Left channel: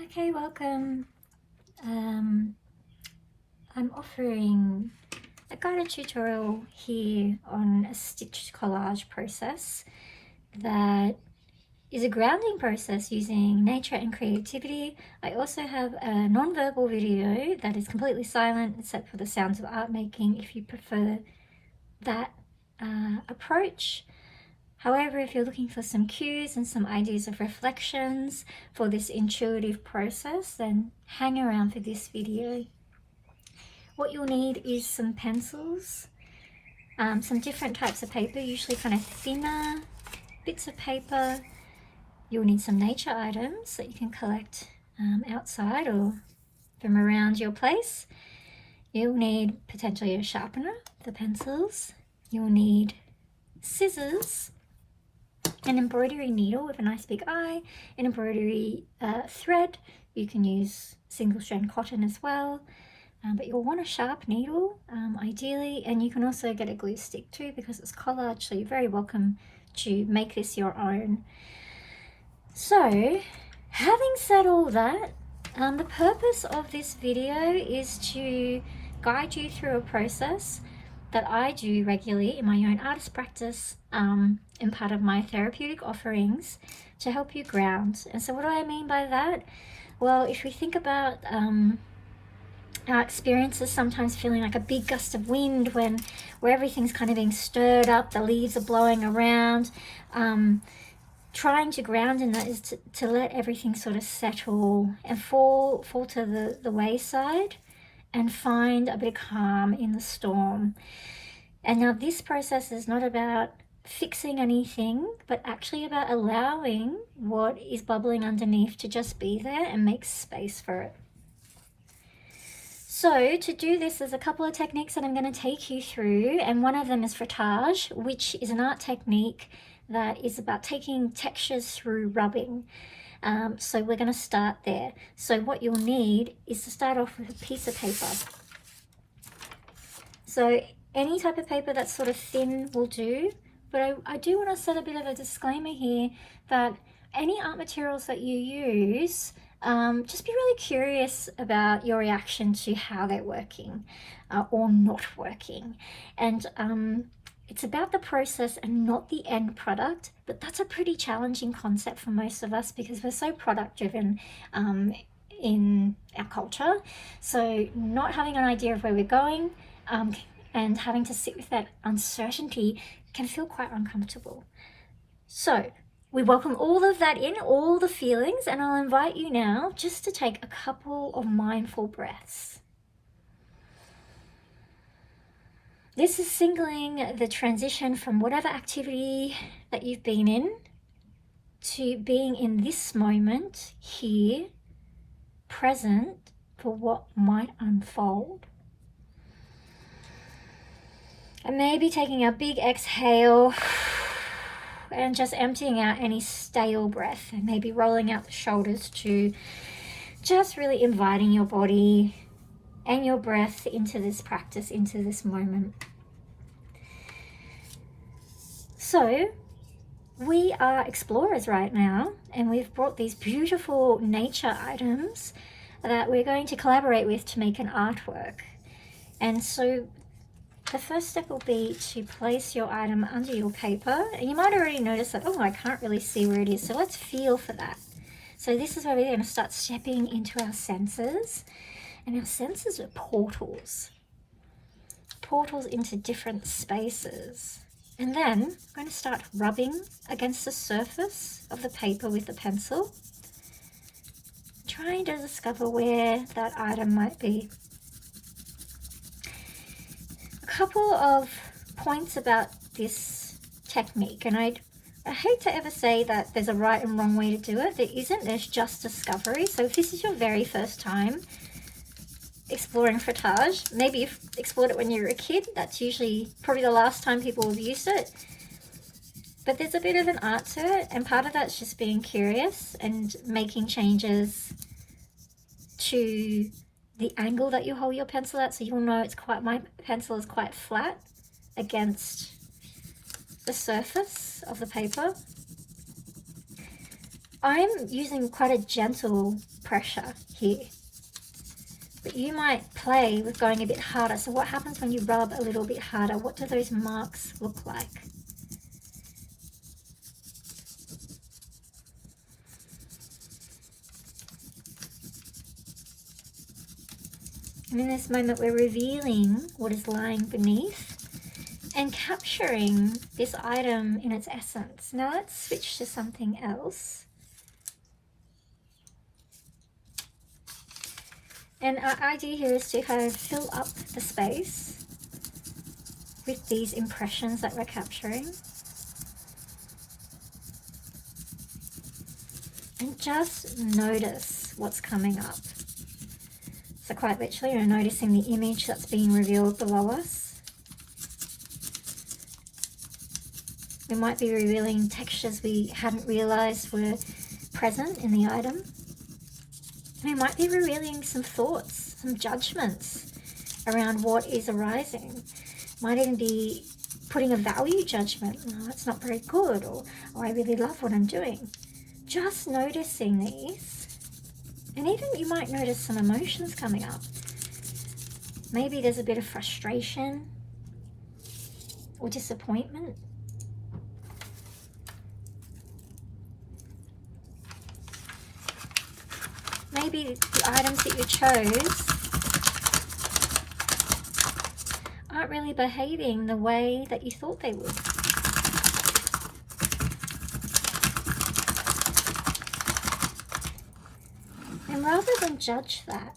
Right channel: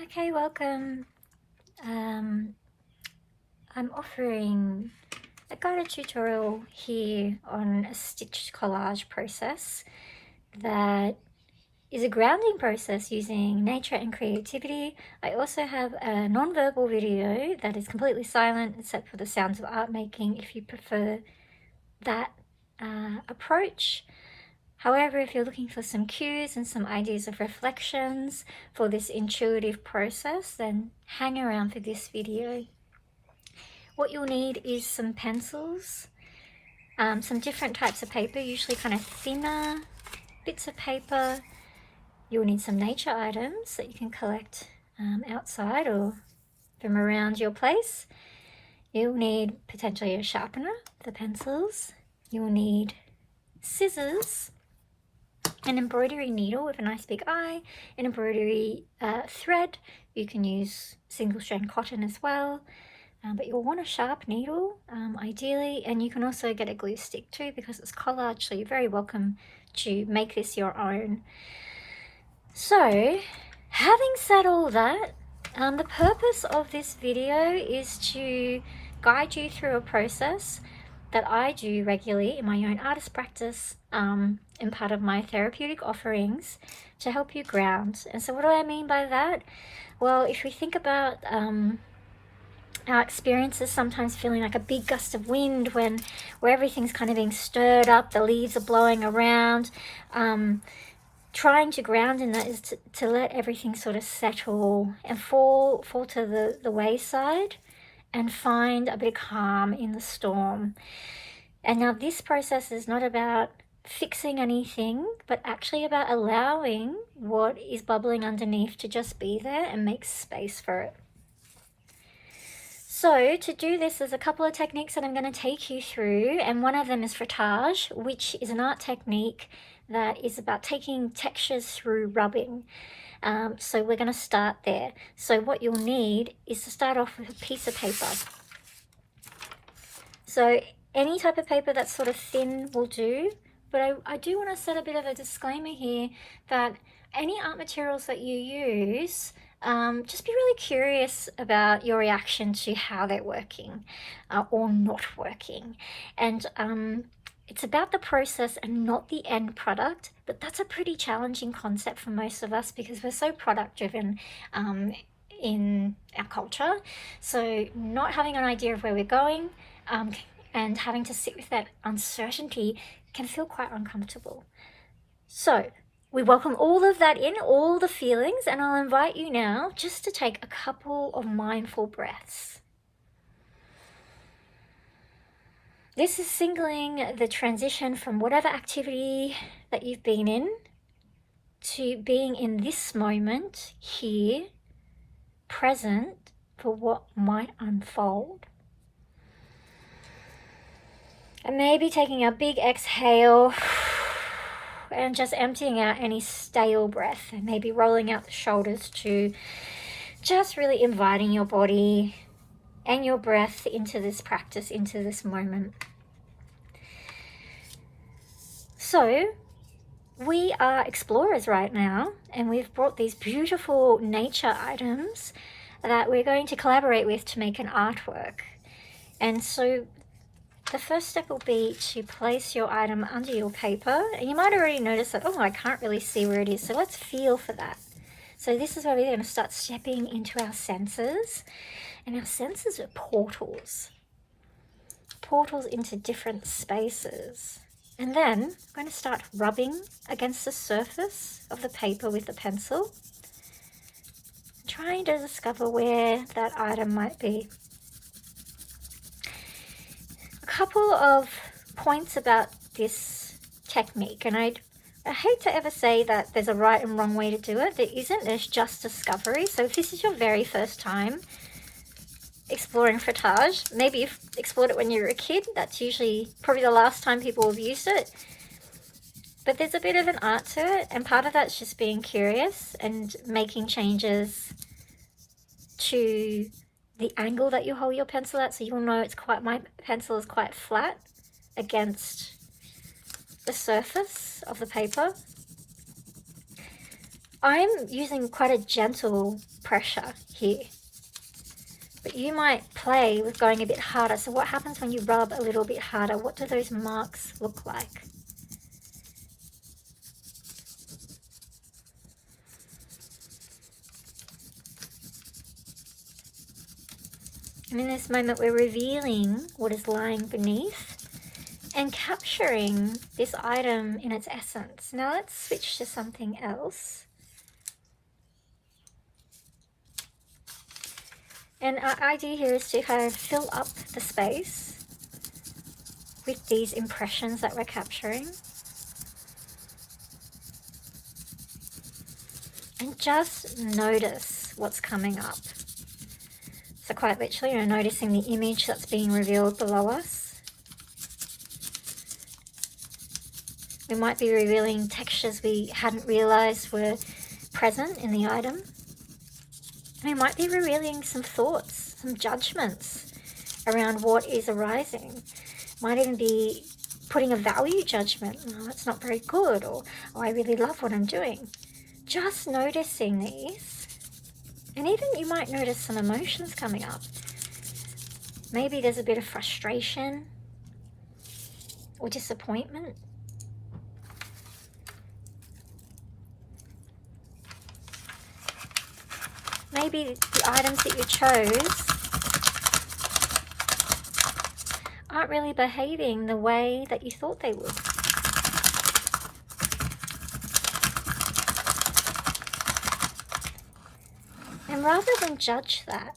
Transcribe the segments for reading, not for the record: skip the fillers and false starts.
Okay, welcome. I'm offering a guided tutorial here on a stitch collage process that is a grounding process using nature and creativity. I also have a non-verbal video that is completely silent except for the sounds of art making if you prefer that approach. However, if you're looking for some cues and some ideas of reflections for this intuitive process, then hang around for this video. What you'll need is some pencils, some different types of paper, usually kind of thinner bits of paper. You'll need some nature items that you can collect outside or from around your place. You'll need potentially a sharpener for pencils. You'll need scissors, an embroidery needle with a nice big eye, an embroidery thread. You can use single strand cotton as well, but you'll want a sharp needle ideally, and you can also get a glue stick too because it's collage, so you're very welcome to make this your own. So having said all that, the purpose of this video is to guide you through a process that I do regularly in my own artist practice and part of my therapeutic offerings to help you ground. And so what do I mean by that? Well, if we think about our experiences sometimes feeling like a big gust of wind where everything's kind of being stirred up, the leaves are blowing around, trying to ground in that is to let everything sort of settle and fall to the wayside and find a bit of calm in the storm. And now this process is not about fixing anything, but actually about allowing what is bubbling underneath to just be there and make space for it. So to do this, there's a couple of techniques that I'm going to take you through, and one of them is frottage, which is an art technique that is about taking textures through rubbing. So we're going to start there. So what you'll need is to start off with a piece of paper. So any type of paper that's sort of thin will do, but I do want to set a bit of a disclaimer here that any art materials that you use, just be really curious about your reaction to how they're working or not working. And it's about the process and not the end product, but that's a pretty challenging concept for most of us because we're so product driven in our culture. So not having an idea of where we're going and having to sit with that uncertainty can feel quite uncomfortable. So we welcome all of that in, all the feelings, and I'll invite you now just to take a couple of mindful breaths. This is singling the transition from whatever activity that you've been in to being in this moment here, present for what might unfold. And maybe taking a big exhale and just emptying out any stale breath, and maybe rolling out the shoulders to just really inviting your body and your breath into this practice, into this moment. So we are explorers right now, and we've brought these beautiful nature items that we're going to collaborate with to make an artwork. And so the first step will be to place your item under your paper, and you might already notice that, oh, I can't really see where it is, so let's feel for that. So this is where we're going to start stepping into our senses, and our senses are portals into different spaces. And then I'm going to start rubbing against the surface of the paper with the pencil, trying to discover where that item might be. A couple of points about this technique, and I hate to ever say that there's a right and wrong way to do it. There isn't, there's just discovery. So if this is your very first time exploring frottage, maybe you've explored it when you were a kid, that's usually probably the last time people have used it. But there's a bit of an art to it, and part of that's just being curious and making changes to the angle that you hold your pencil at. So you'll know my pencil is quite flat against the surface of the paper. I'm using quite a gentle pressure here, but you might play with going a bit harder. So what happens when you rub a little bit harder? What do those marks look like? And in this moment, we're revealing what is lying beneath and capturing this item in its essence. Now let's switch to something else. And our idea here is to kind of fill up the space with these impressions that we're capturing. And just notice what's coming up. So quite literally, you're noticing the image that's being revealed below us. We might be revealing textures we hadn't realized were present in the item. We might be revealing some thoughts, some judgments around what is arising. Might even be putting a value judgment. Oh, that's not very good, or oh, I really love what I'm doing. Just noticing these. And even you might notice some emotions coming up. Maybe there's a bit of frustration or disappointment. Maybe the items that you chose aren't really behaving the way that you thought they would. And rather than judge that,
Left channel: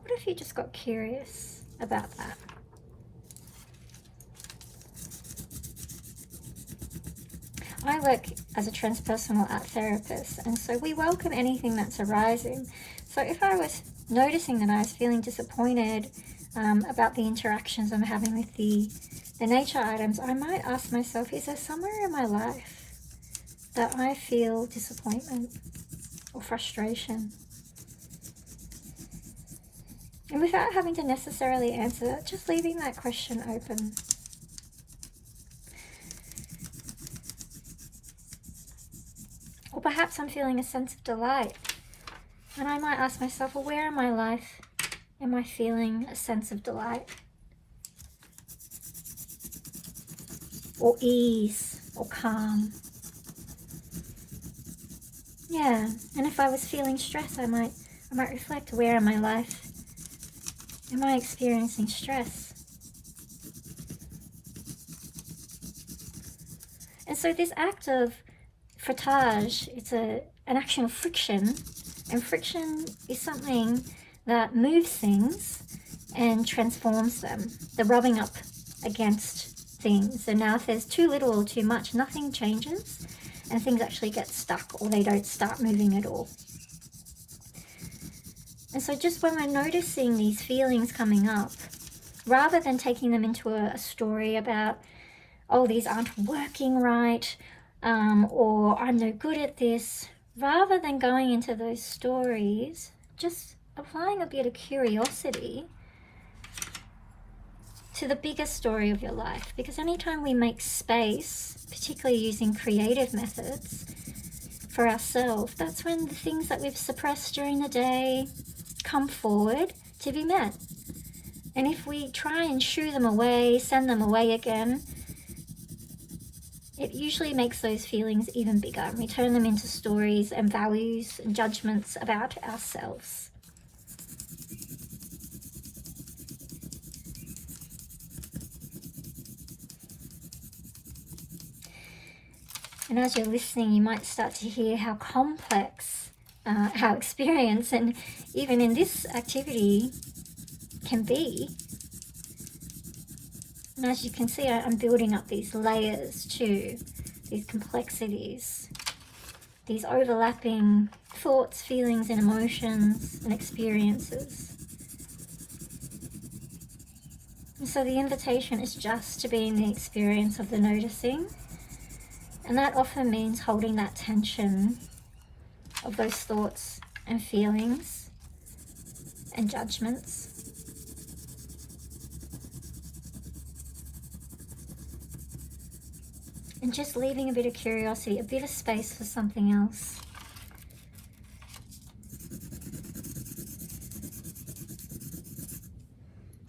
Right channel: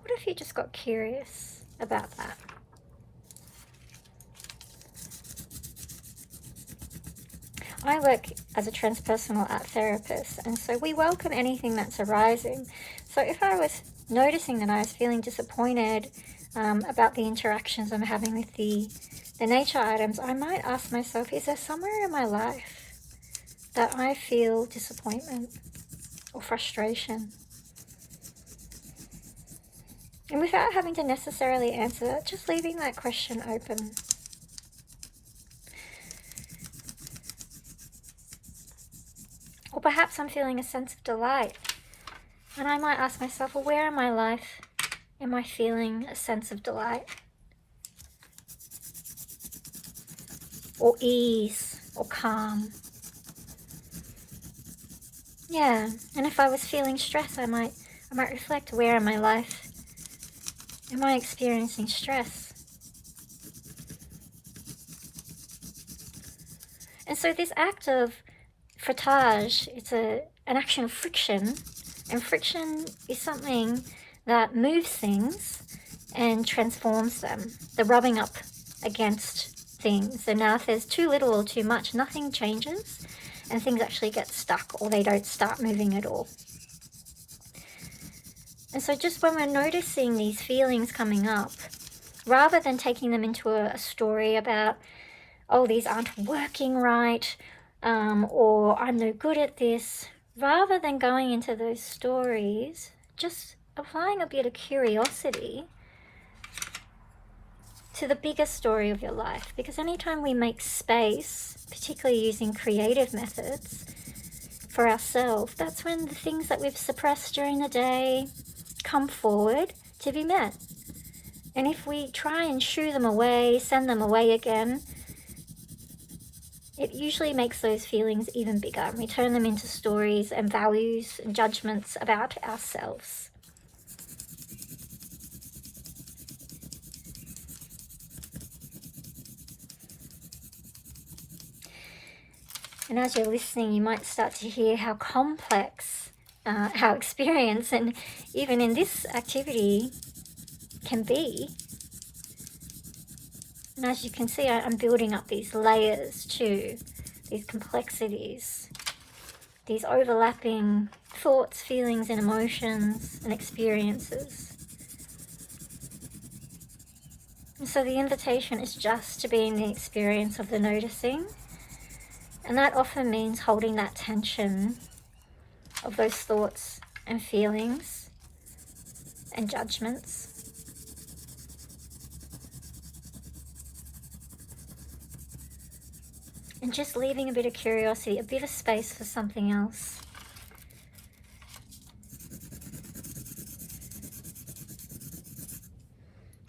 what if you just got curious about that? I work as a transpersonal art therapist, and so we welcome anything that's arising. So if I was noticing that I was feeling disappointed about the interactions I'm having with the nature items, I might ask myself, is there somewhere in my life that I feel disappointment or frustration? And without having to necessarily answer that, just leaving that question open. Or perhaps I'm feeling a sense of delight, and I might ask myself, well, where in my life am I feeling a sense of delight? Or ease, or calm? Yeah, and if I was feeling stress, I might reflect, where in my life am I experiencing stress? And so this act of frottage, it's an action of friction, and friction is something that moves things and transforms them. The rubbing up against things. So now if there's too little or too much, nothing changes and things actually get stuck, or they don't start moving at all. And so just when we're noticing these feelings coming up, rather than taking them into a story about, oh, these aren't working right, or I'm no good at this, rather than going into those stories, just applying a bit of curiosity to the bigger story of your life. Because anytime we make space, particularly using creative methods for ourselves, that's when the things that we've suppressed during the day come forward to be met. And if we try and shoo them away, send them away again, it usually makes those feelings even bigger, and we turn them into stories and values and judgments about ourselves. And as you're listening, you might start to hear how complex our experience, and even in this activity, can be. And as you can see, I'm building up these layers too, these complexities, these overlapping thoughts, feelings, and emotions and experiences. And so the invitation is just to be in the experience of the noticing. And that often means holding that tension of those thoughts and feelings and judgments. and just leaving a bit of curiosity, a bit of space for something else.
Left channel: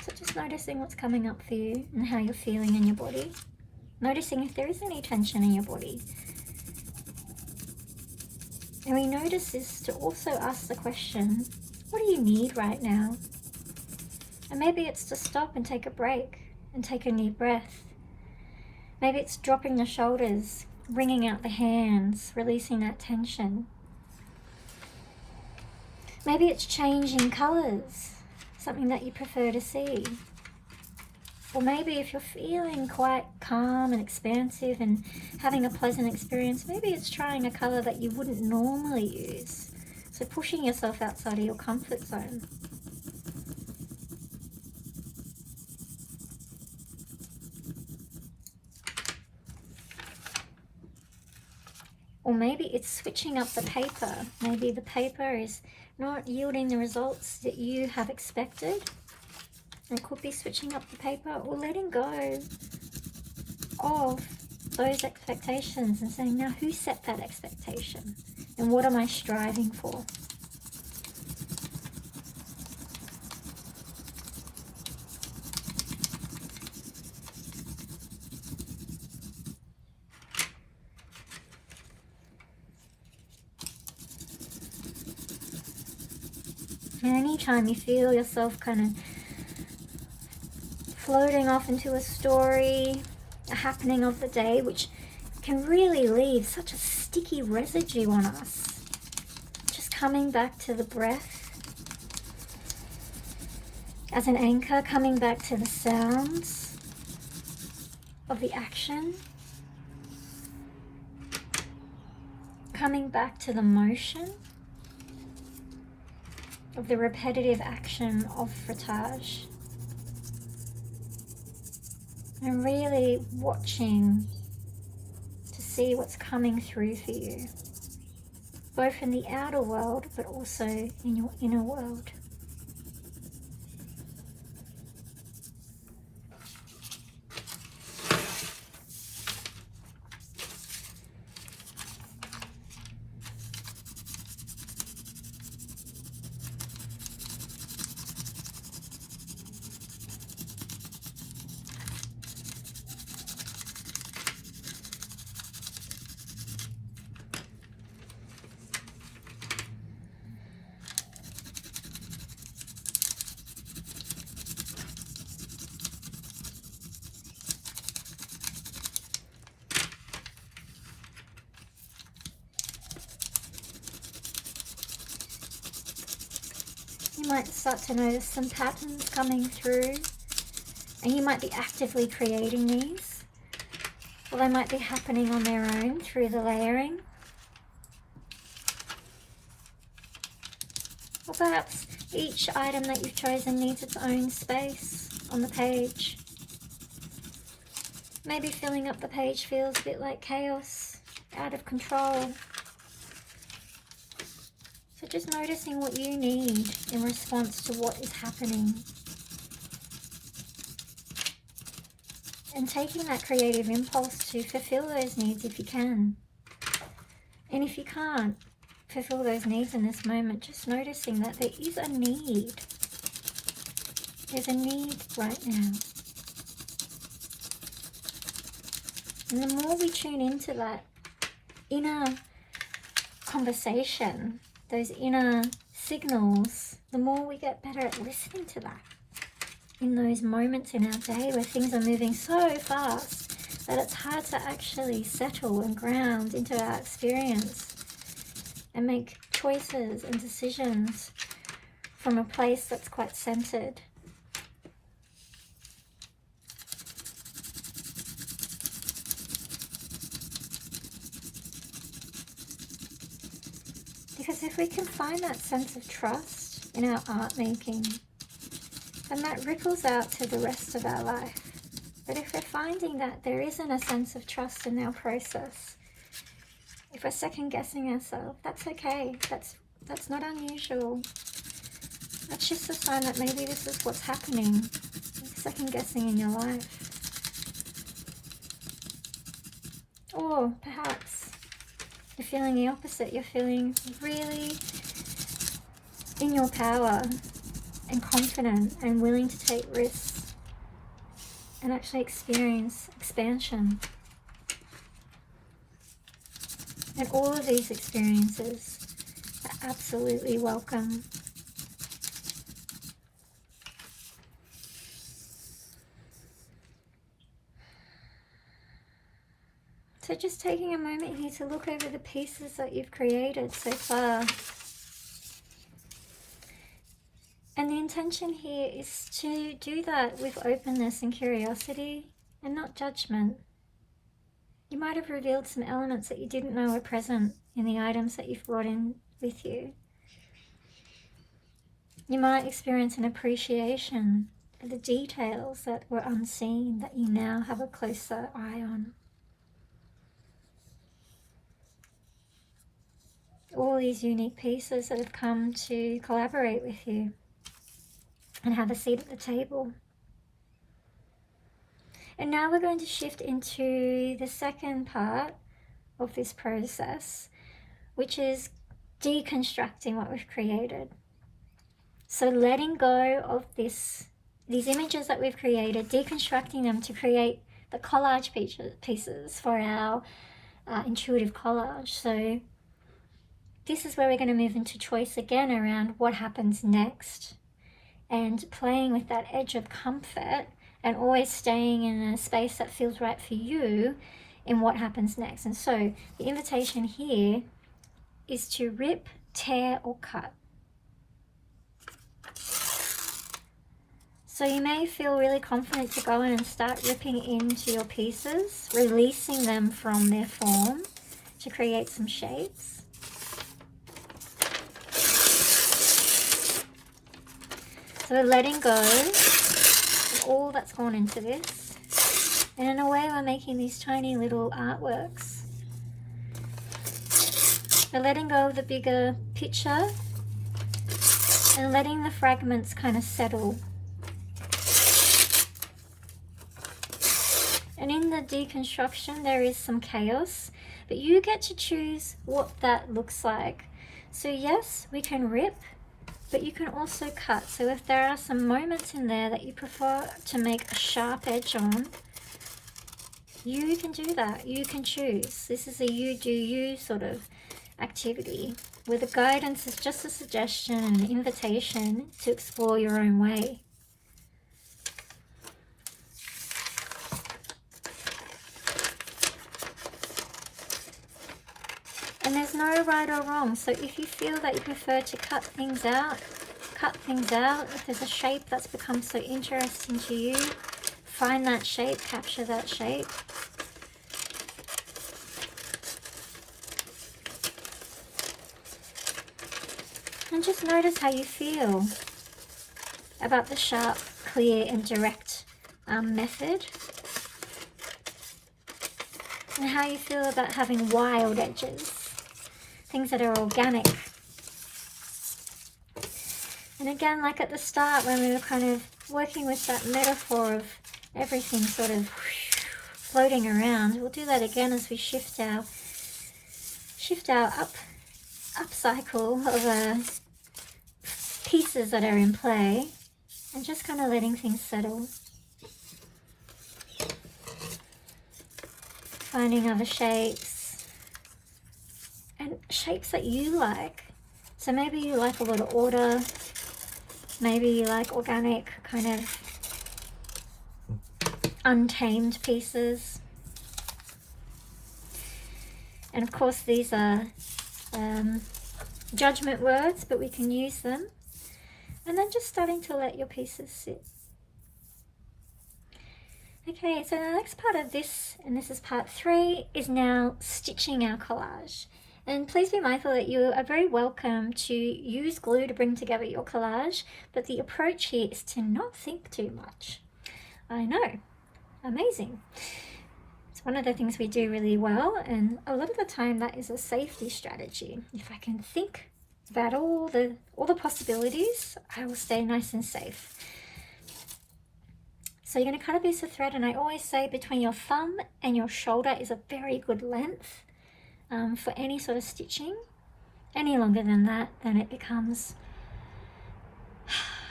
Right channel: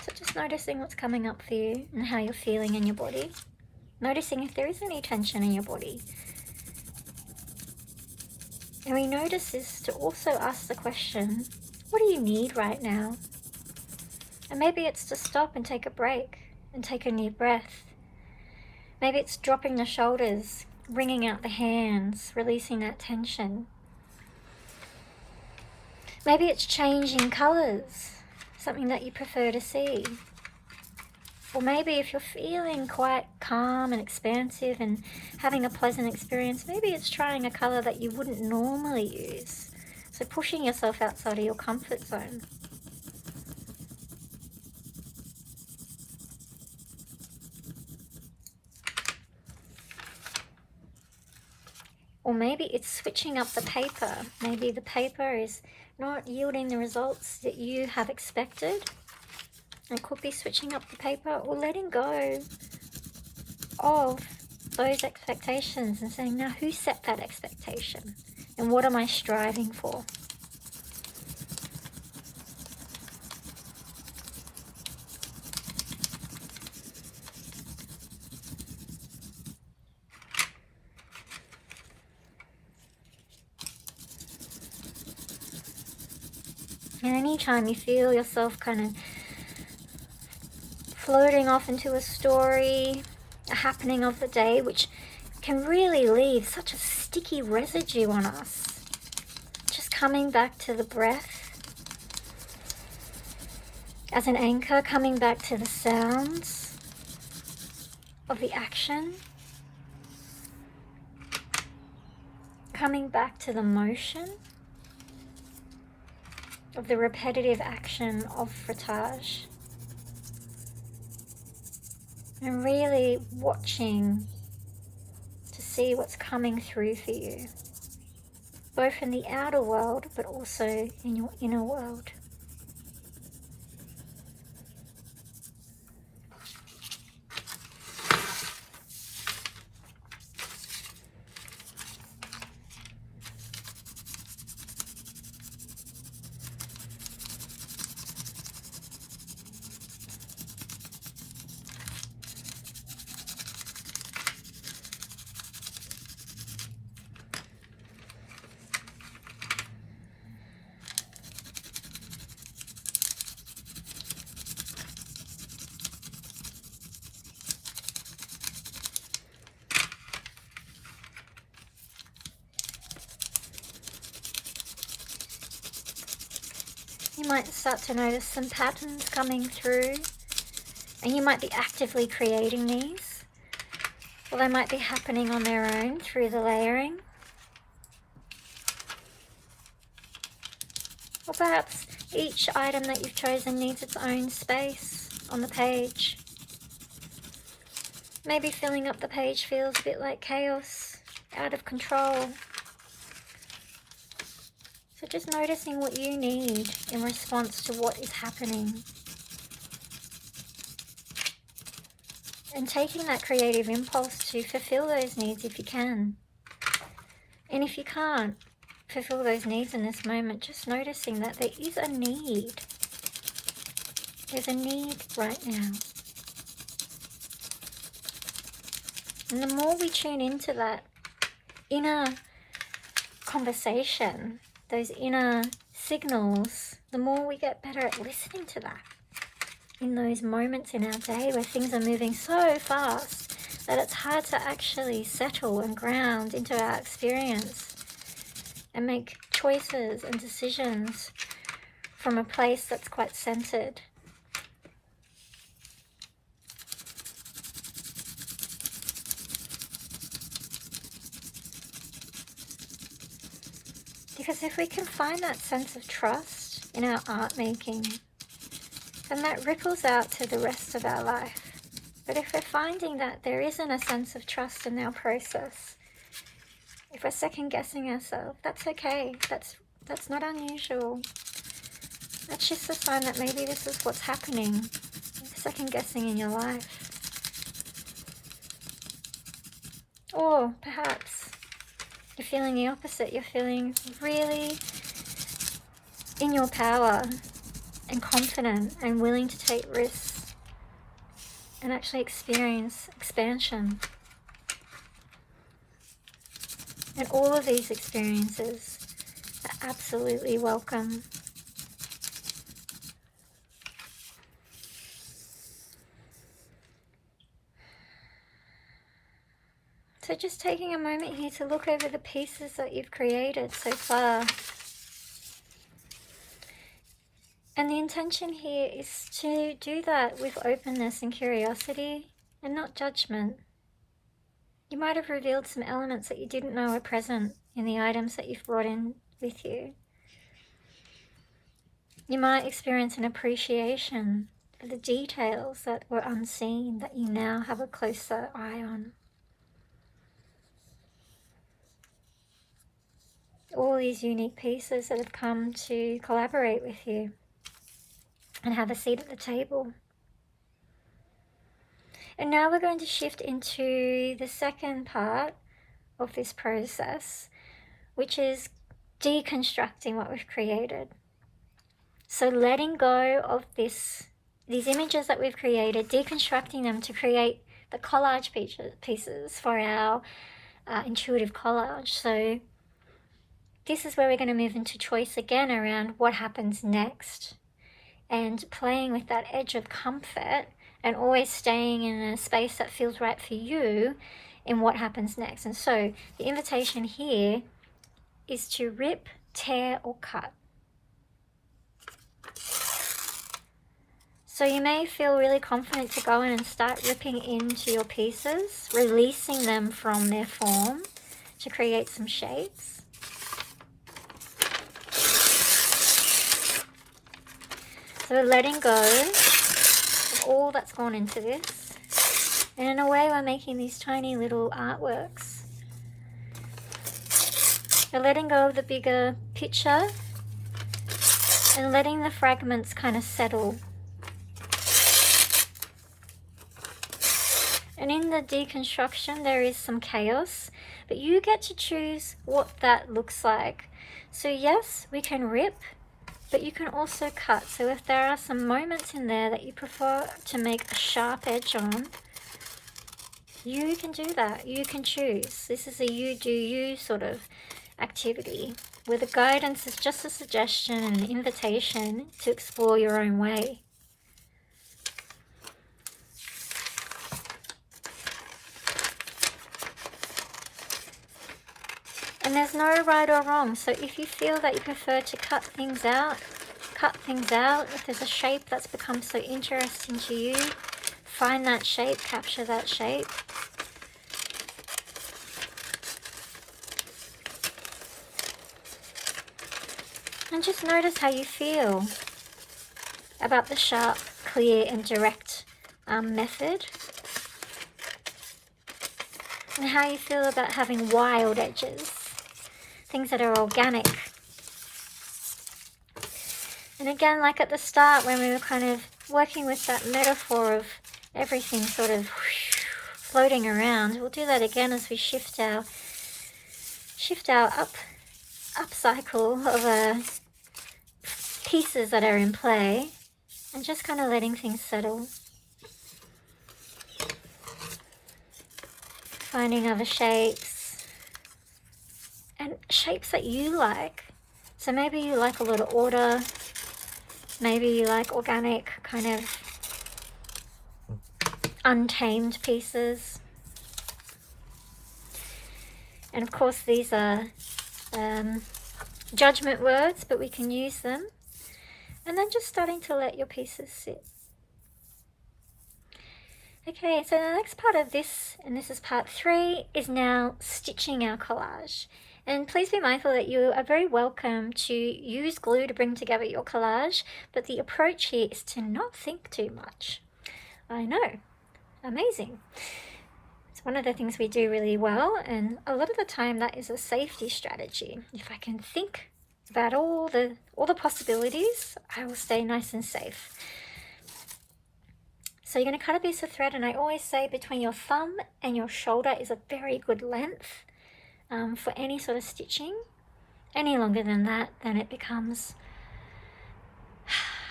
So just noticing what's coming up for you and how you're feeling in your body. Noticing if there is any tension in your body. And we notice this to also ask the question, what do you need right now? And maybe it's to stop and take a break and take a new breath. Maybe it's dropping the shoulders, bringing out the hands, releasing that tension. Maybe it's changing colours, something that you prefer to see. Or maybe if you're feeling quite calm and expansive and having a pleasant experience, maybe it's trying a colour that you wouldn't normally use. So pushing yourself outside of your comfort zone. Or maybe it's switching up the paper. Maybe the paper is not yielding the results that you have expected. It could be switching up the paper or letting go of those expectations and saying, now who set that expectation? And what am I striving for? And anytime you feel yourself kind of floating off into a story, a happening of the day, which can really leave such a sticky residue on us, just coming back to the breath as an anchor, coming back to the sounds of the action, coming back to the motion of the repetitive action of frottage, and really watching to see what's coming through for you, both in the outer world but also in your inner world. You might start to notice some patterns coming through, and you might be actively creating these, or they might be happening on their own through the layering. Or perhaps each item that you've chosen needs its own space on the page. Maybe filling up the page feels a bit like chaos, out of control. So just noticing what you need in response to what is happening. And taking that creative impulse to fulfill those needs if you can. And if you can't fulfill those needs in this moment, just noticing that there is a need. There's a need right now. And the more we tune into that inner conversation, those inner signals, the more we get better at listening to that. In those moments in our day where things are moving so fast that it's hard to actually settle and ground into our experience and make choices and decisions from a place that's quite centered. Because if we can find that sense of trust in our art making, then that ripples out to the rest of our life. But if we're finding that there isn't a sense of trust in our process, if we're second guessing ourselves, that's okay. That's not unusual. That's just a sign that maybe this is what's happening, second guessing in your life. Or perhaps you're feeling the opposite. You're feeling really in your power and confident and willing to take risks and actually experience expansion. And all of these experiences are absolutely welcome. So just taking a moment here to look over the pieces that you've created so far. And the intention here is to do that with openness and curiosity and not judgment. You might have revealed some elements that you didn't know were present in the items that you've brought in with you. You might experience an appreciation for the details that were unseen that you now have a closer eye on. All these unique pieces that have come to collaborate with you and have a seat at the table. And now we're going to shift into the second part of this process, which is deconstructing what we've created. So letting go of these images that we've created, deconstructing them to create the collage pieces for our intuitive collage. So this is where we're going to move into choice again around what happens next, and playing with that edge of comfort and always staying in a space that feels right for you in what happens next. And so the invitation here is to rip, tear, or cut. So you may feel really confident to go in and start ripping into your pieces, releasing them from their form to create some shapes. So letting go of all that's gone into this. And in a way, we're making these tiny little artworks. We're letting go of the bigger picture and letting the fragments kind of settle. And in the deconstruction, there is some chaos, but you get to choose what that looks like. So yes, we can rip, but you can also cut. So if there are some moments in there that you prefer to make a sharp edge on, you can do that. You can choose. This is a you do you sort of activity, where the guidance is just a suggestion and an invitation to explore your own way. And there's no right or wrong. So if you feel that you prefer to cut things out. If there's a shape that's become so interesting to you, find that shape, capture that shape. And just notice how you feel about the sharp, clear, and direct method. And how you feel about having wild edges. Things that are organic. And again, like at the start when we were kind of working with that metaphor of everything sort of floating around, we'll do that again as we shift our up cycle of pieces that are in play, and just kind of letting things settle. Finding other shapes. And shapes that you like. So maybe you like a lot of order. Maybe you like organic, kind of untamed pieces. And of course these are judgment words, but we can use them. And then just starting to let your pieces sit. Okay, so the next part of this, and this is part 3, is now stitching our collage. And please be mindful that you are very welcome to use glue to bring together your collage, but the approach here is to not think too much. I know, amazing. It's one of the things we do really well, and a lot of the time that is a safety strategy. If I can think about all the possibilities, I will stay nice and safe. So you're going to cut a piece of thread, and I always say between your thumb and your shoulder is a very good length for any sort of stitching. Any longer than that, then it becomes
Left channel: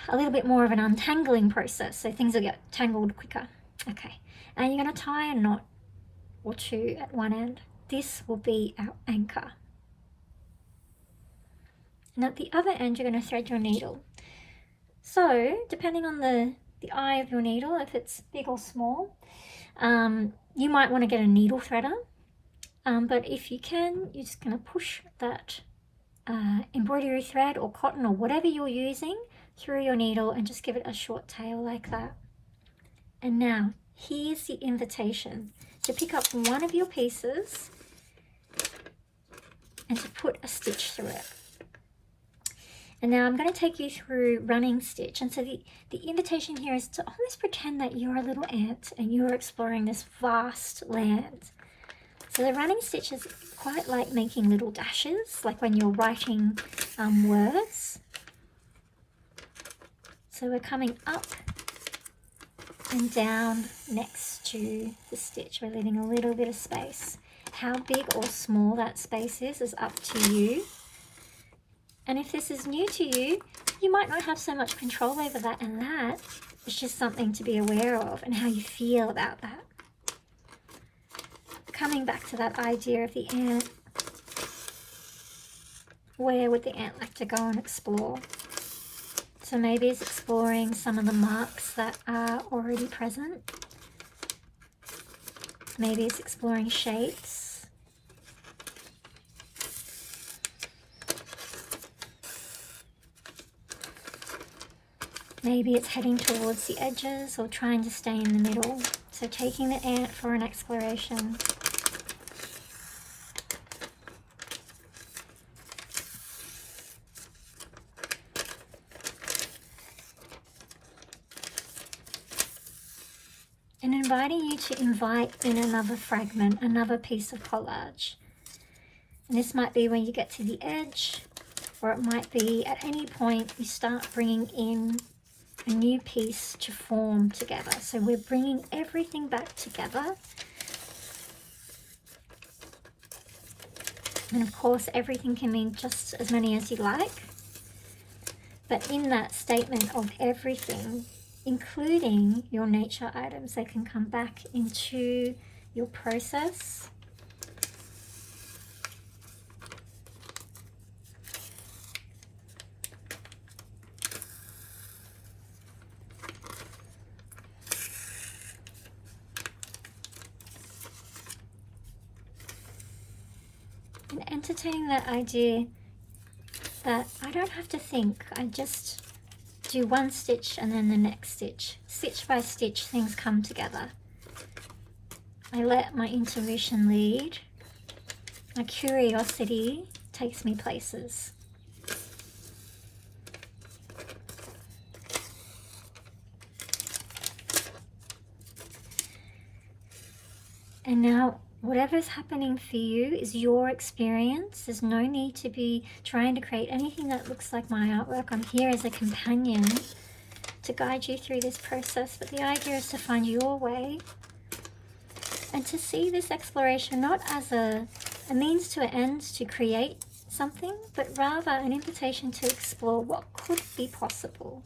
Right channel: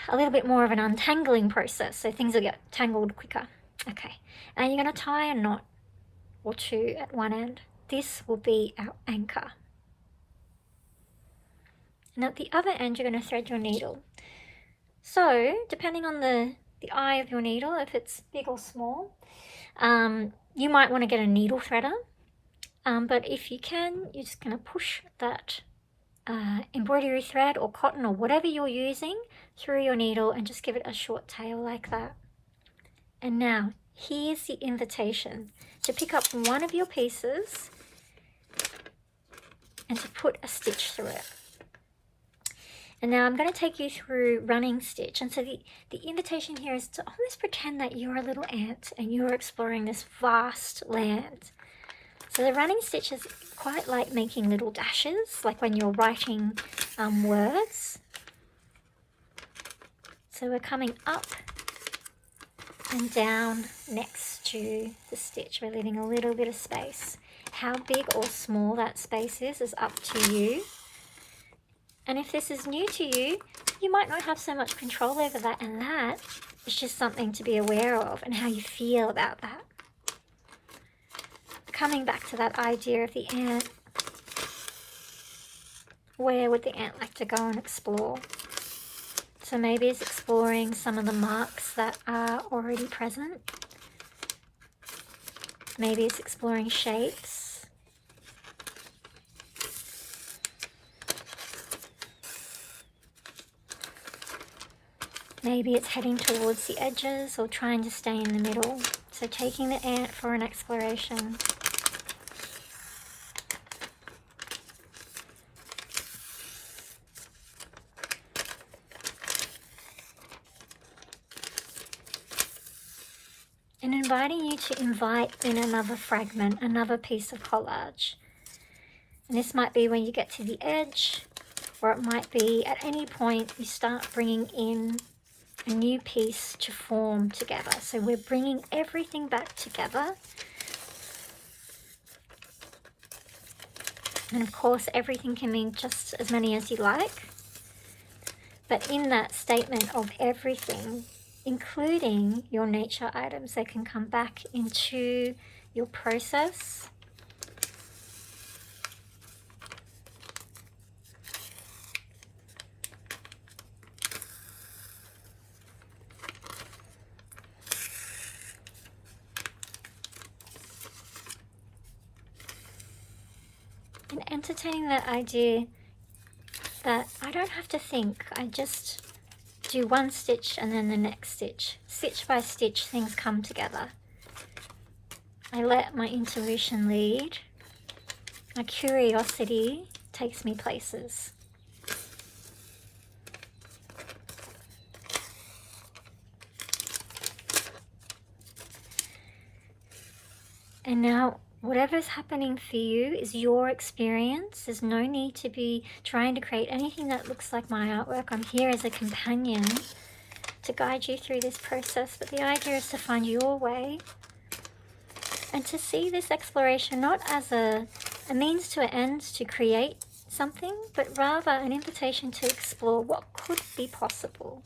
a little bit more of an untangling process, so things will get tangled quicker. Okay, and you're going to tie a knot or two at one end. This will be our anchor. And at the other end, you're going to thread your needle. So depending on the eye of your needle, if it's big or small, you might want to get a needle threader. But if you can, you're just going to push that embroidery thread or cotton or whatever you're using through your needle and just give it a short tail like that. And now here's the invitation to pick up one of your pieces and to put a stitch through it. And now I'm going to take you through running stitch. And so the invitation here is to almost pretend that you're a little ant and you're exploring this vast land. So the running stitch is quite like making little dashes, like when you're writing words. So we're coming up and down next to the stitch. We're leaving a little bit of space. How big or small that space is up to you. And if this is new to you, you might not have so much control over that, and that is just something to be aware of and how you feel about that. Coming back to that idea of the ant, where would the ant like to go and explore? So maybe it's exploring some of the marks that are already present. Maybe it's exploring shapes. Maybe it's heading towards the edges or trying to stay in the middle. So taking the ant for an exploration. And inviting you to invite in another fragment, another piece of collage. And this might be when you get to the edge, or it might be at any point you start bringing in a new piece to form together. So we're bringing everything back together. And of course, everything can mean just as many as you like. But in that statement of everything, including your nature items, they can come back into your process. And entertaining that idea that I don't have to think, I just do one stitch and then the next stitch. Stitch by stitch, things come together. I let my intuition lead. My curiosity takes me places. And now, whatever's happening for you is your experience. There's no need to be trying to create anything that looks like my artwork. I'm here as a companion to guide you through this process. But the idea is to find your way and to see this exploration not as a means to an end to create something, but rather an invitation to explore what could be possible.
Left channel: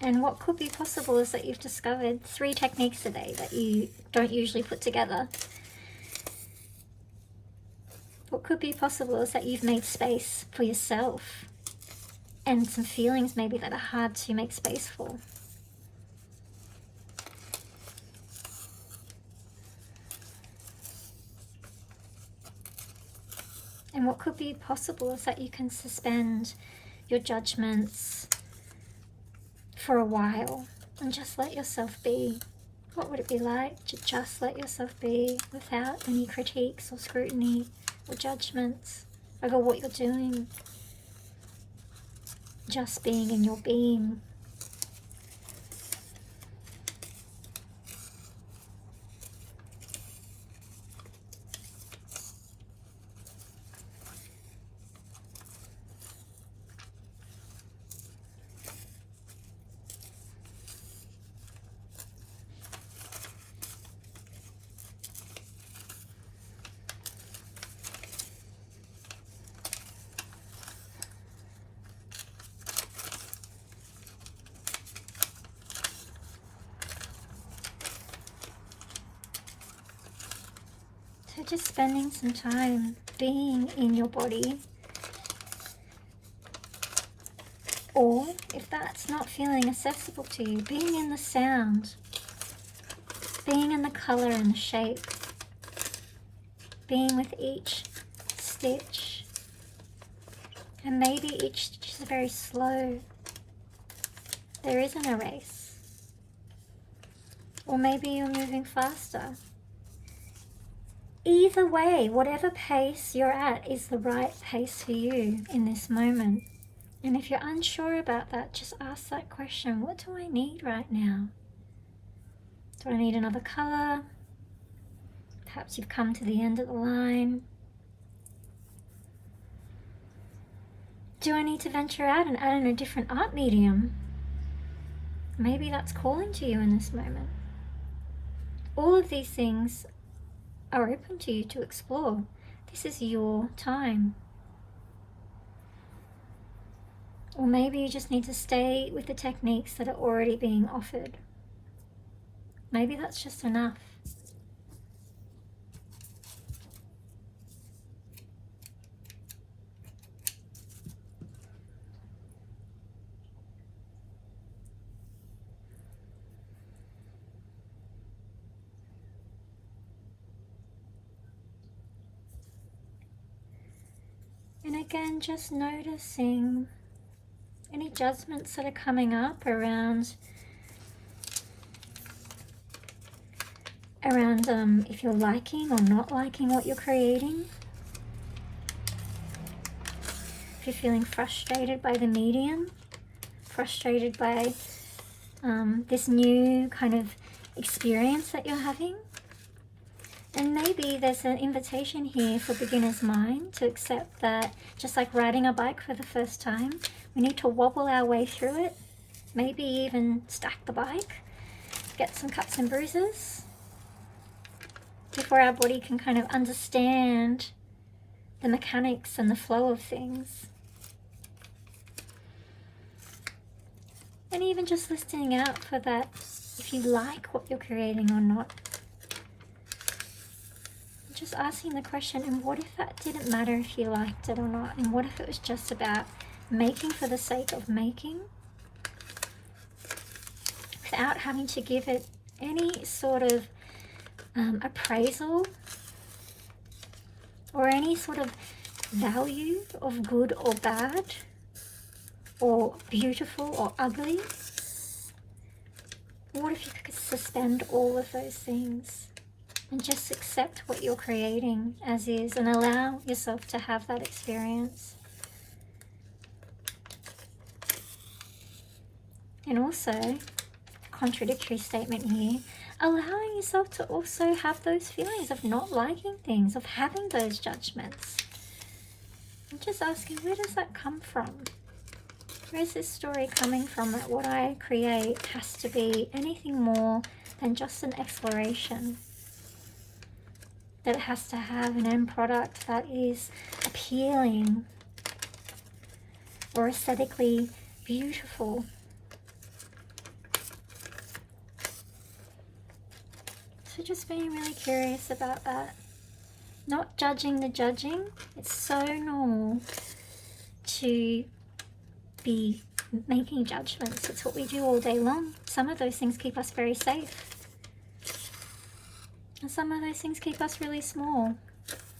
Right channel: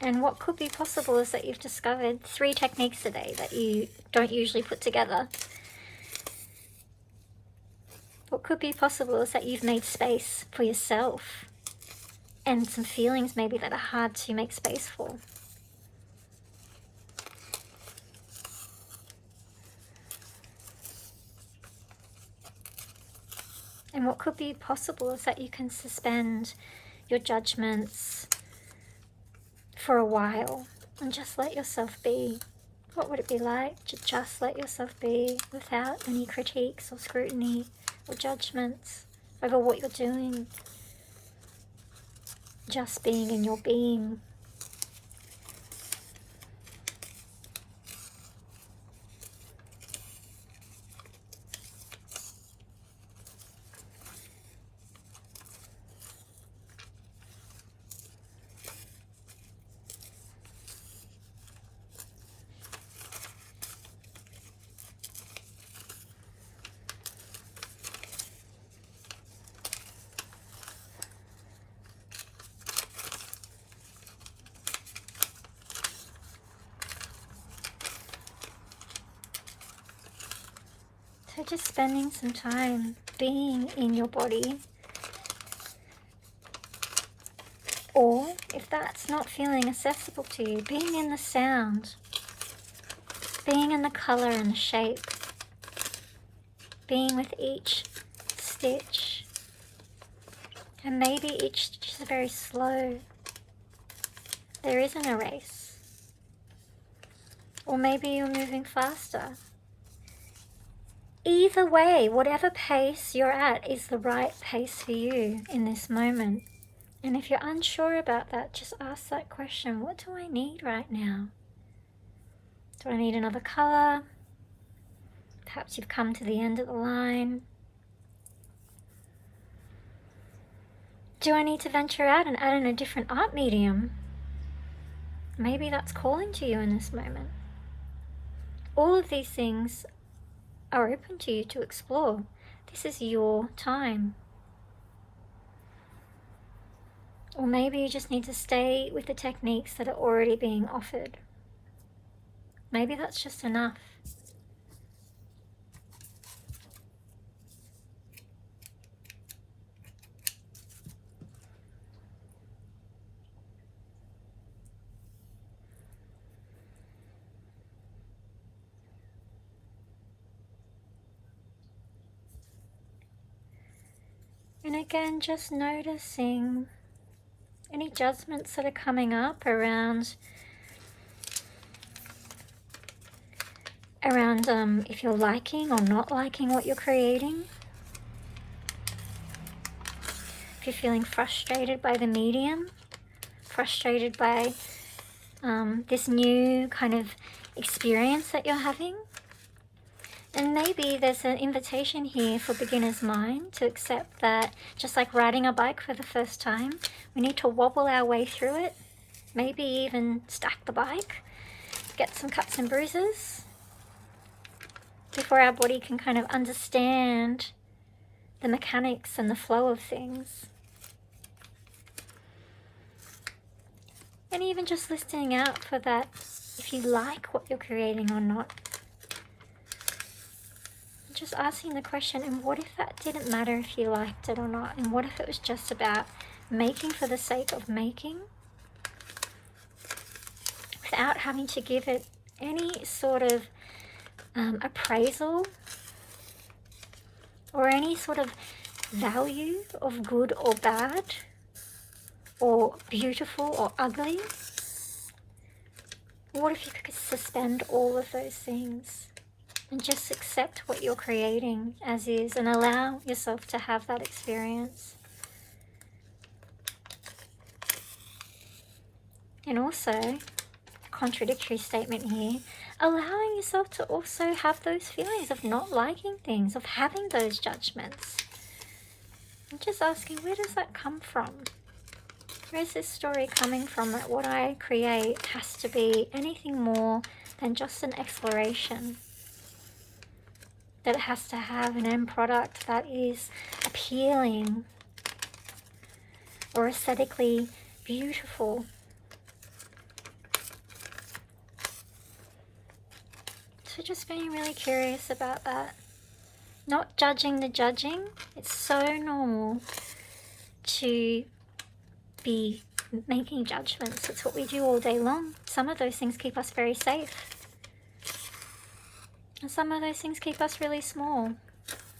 And what could be possible is that you've discovered 3 techniques a day that you don't usually put together. What could be possible is that you've made space for yourself and some feelings maybe that are hard to make space for. And what could be possible is that you can suspend your judgments for a while and just let yourself be. What would it be like to just let yourself be without any critiques or scrutiny or judgments over what you're doing? Just being in your being. just spending some time being in your body. Or, if that's not feeling accessible to you, being in the sound, being in the color and the shape, being with each stitch. And maybe each stitch is very slow. There isn't a race. Or maybe you're moving faster. Either way, whatever pace you're at is the right pace for you in this moment. And if you're unsure about that, just ask that question. What do I need right now? Do I need another color? Perhaps you've come to the end of the line. Do I need to venture out and add in a different art medium? Maybe that's calling to you in this moment. All of these things are open to you to explore. This is your time. Or maybe you just need to stay with the techniques that are already being offered. Maybe that's just enough. And again, just noticing any judgments that are coming up around if you're liking or not liking what you're creating. If you're feeling frustrated by the medium, frustrated by this new kind of experience that you're having. And maybe there's an invitation here for beginner's mind to accept that, just like riding a bike for the first time, we need to wobble our way through it, maybe even stack the bike, get some cuts and bruises, before our body can kind of understand the mechanics and the flow of things. And even just listening out for that, if you like what you're creating or not. Just asking the question, and what if that didn't matter if you liked it or not? And what if it was just about making for the sake of making, without having to give it any sort of appraisal or any sort of value of good or bad or beautiful or ugly? What if you could suspend all of those things and just accept what you're creating as is and allow yourself to have that experience? And also, contradictory statement here, allowing yourself to also have those feelings of not liking things, of having those judgments. And just asking, where does that come from? Where's this story coming from that what I create has to be anything more than just an exploration? That it has to have an end product that is appealing or aesthetically beautiful. So just being really curious about that. Not judging the judging. It's so normal to be making judgments. It's what we do all day long. Some of those things keep us very safe. And some of those things keep us really small.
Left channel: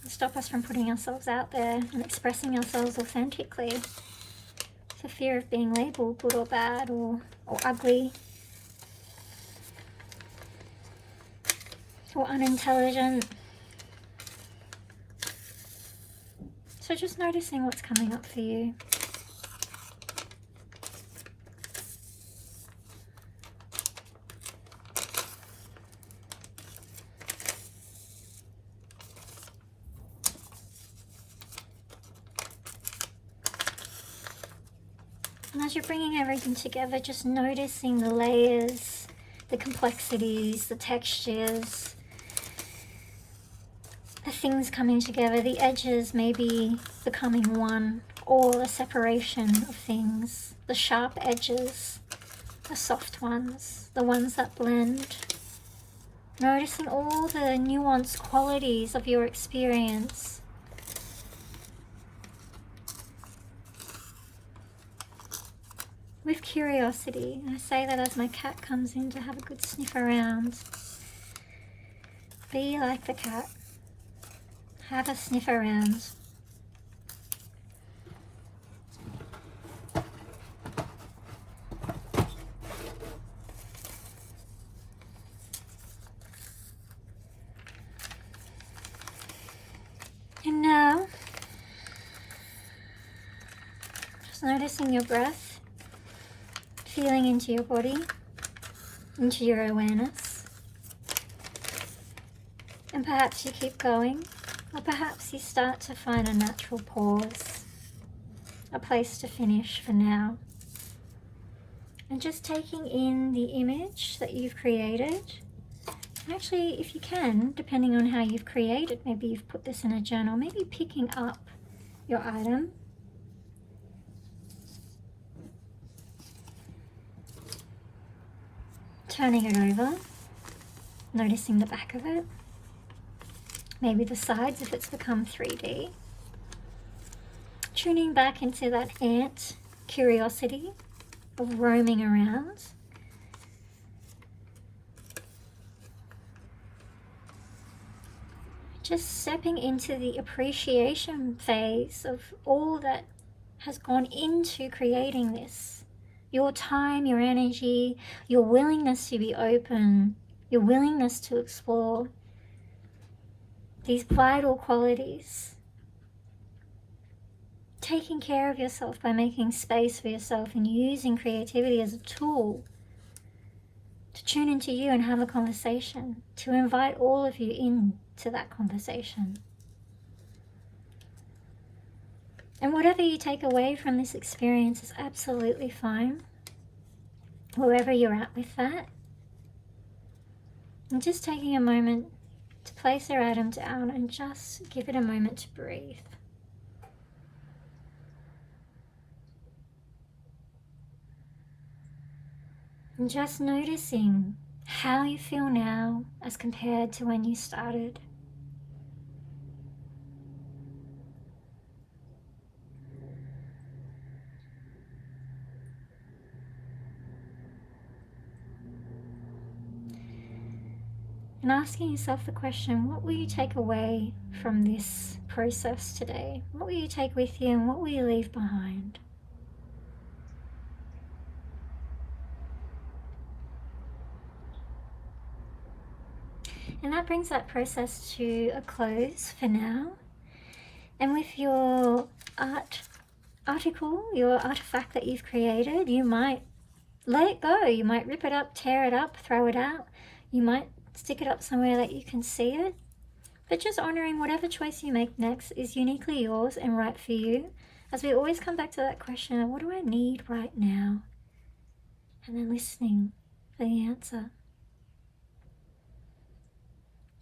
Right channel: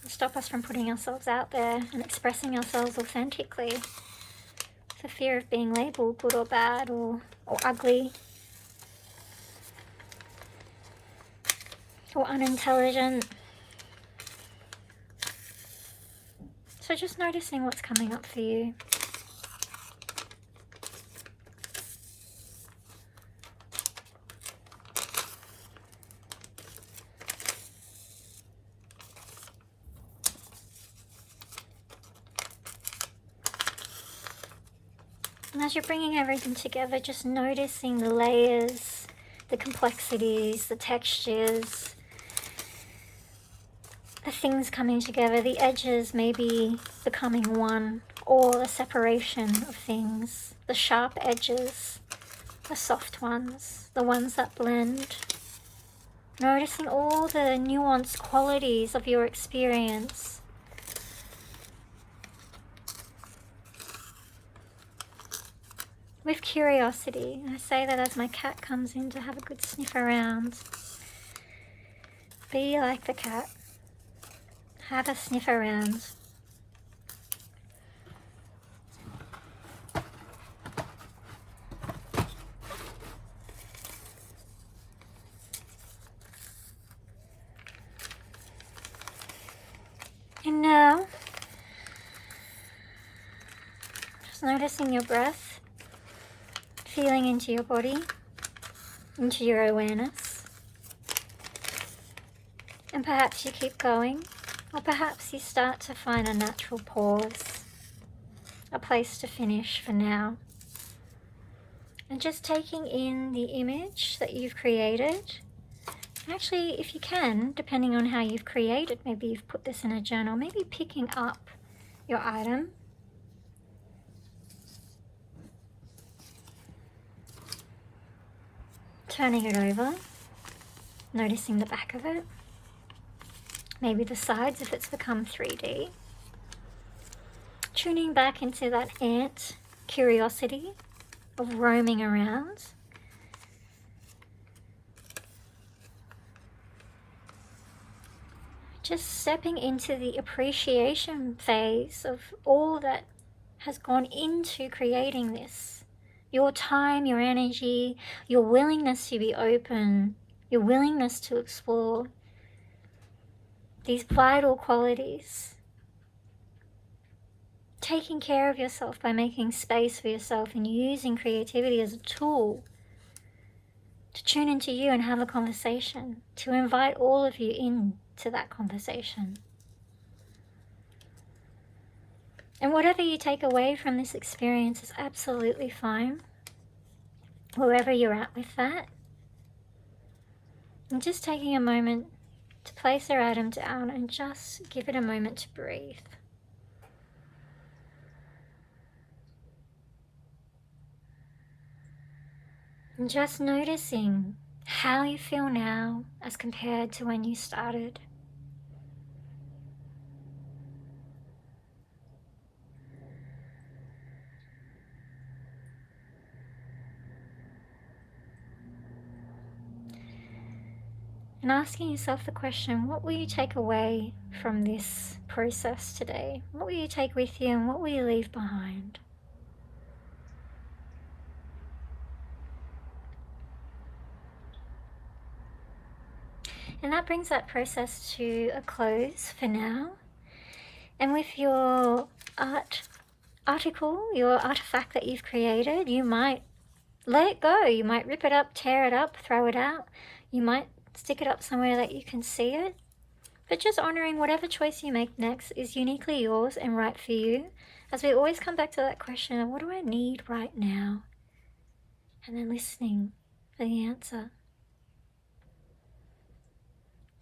And stop us from putting ourselves out there and expressing ourselves authentically. For fear of being labelled good or bad or ugly. Or unintelligent. So just noticing what's coming up for you. And as you're bringing everything together, just noticing the layers, the complexities, the textures, the things coming together, the edges maybe becoming one, or the separation of things, the sharp edges, the soft ones, the ones that blend. Noticing all the nuanced qualities of your experience. With curiosity. I say that as my cat comes in to have a good sniff around. Be like the cat. Have a sniff around. And now, just noticing your breath, feeling into your body, into your awareness. And perhaps you keep going, or perhaps you start to find a natural pause, a place to finish for now. And just taking in the image that you've created. Actually, if you can, depending on how you've created, maybe you've put this in a journal, maybe picking up your item. Turning it over, noticing the back of it, maybe the sides if it's become 3D. Tuning back into that ant curiosity of roaming around. Just stepping into the appreciation phase of all that has gone into creating this. Your time, your energy, your willingness to be open, your willingness to explore these vital qualities. Taking care of yourself by making space for yourself and using creativity as a tool to tune into you and have a conversation, to invite all of you into that conversation. And whatever you take away from this experience is absolutely fine, wherever you're at with that. And just taking a moment to place our atom down and just give it a moment to breathe. And just noticing how you feel now as compared to when you started. And asking yourself the question, what will you take away from this process today? What will you take with you and what will you leave behind? And that brings that process to a close for now. And with your article, your artifact that you've created, you might let it go. You might rip it up, tear it up, throw it out. You might stick it up somewhere that you can see it. But just honoring whatever choice you make next is uniquely yours and right for you. As we always come back to that question of what do I need right now? And then listening for the answer.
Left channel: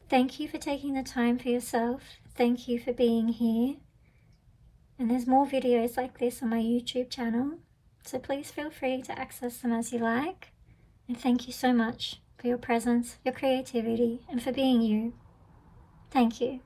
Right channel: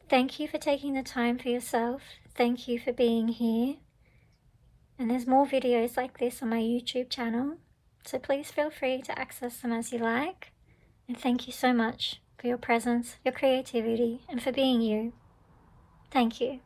Thank you for taking the time for yourself. Thank you for being here. And there's more videos like this on my YouTube channel, so please feel free to access them as you like. And thank you so much for your presence, your creativity, and for being you. Thank you.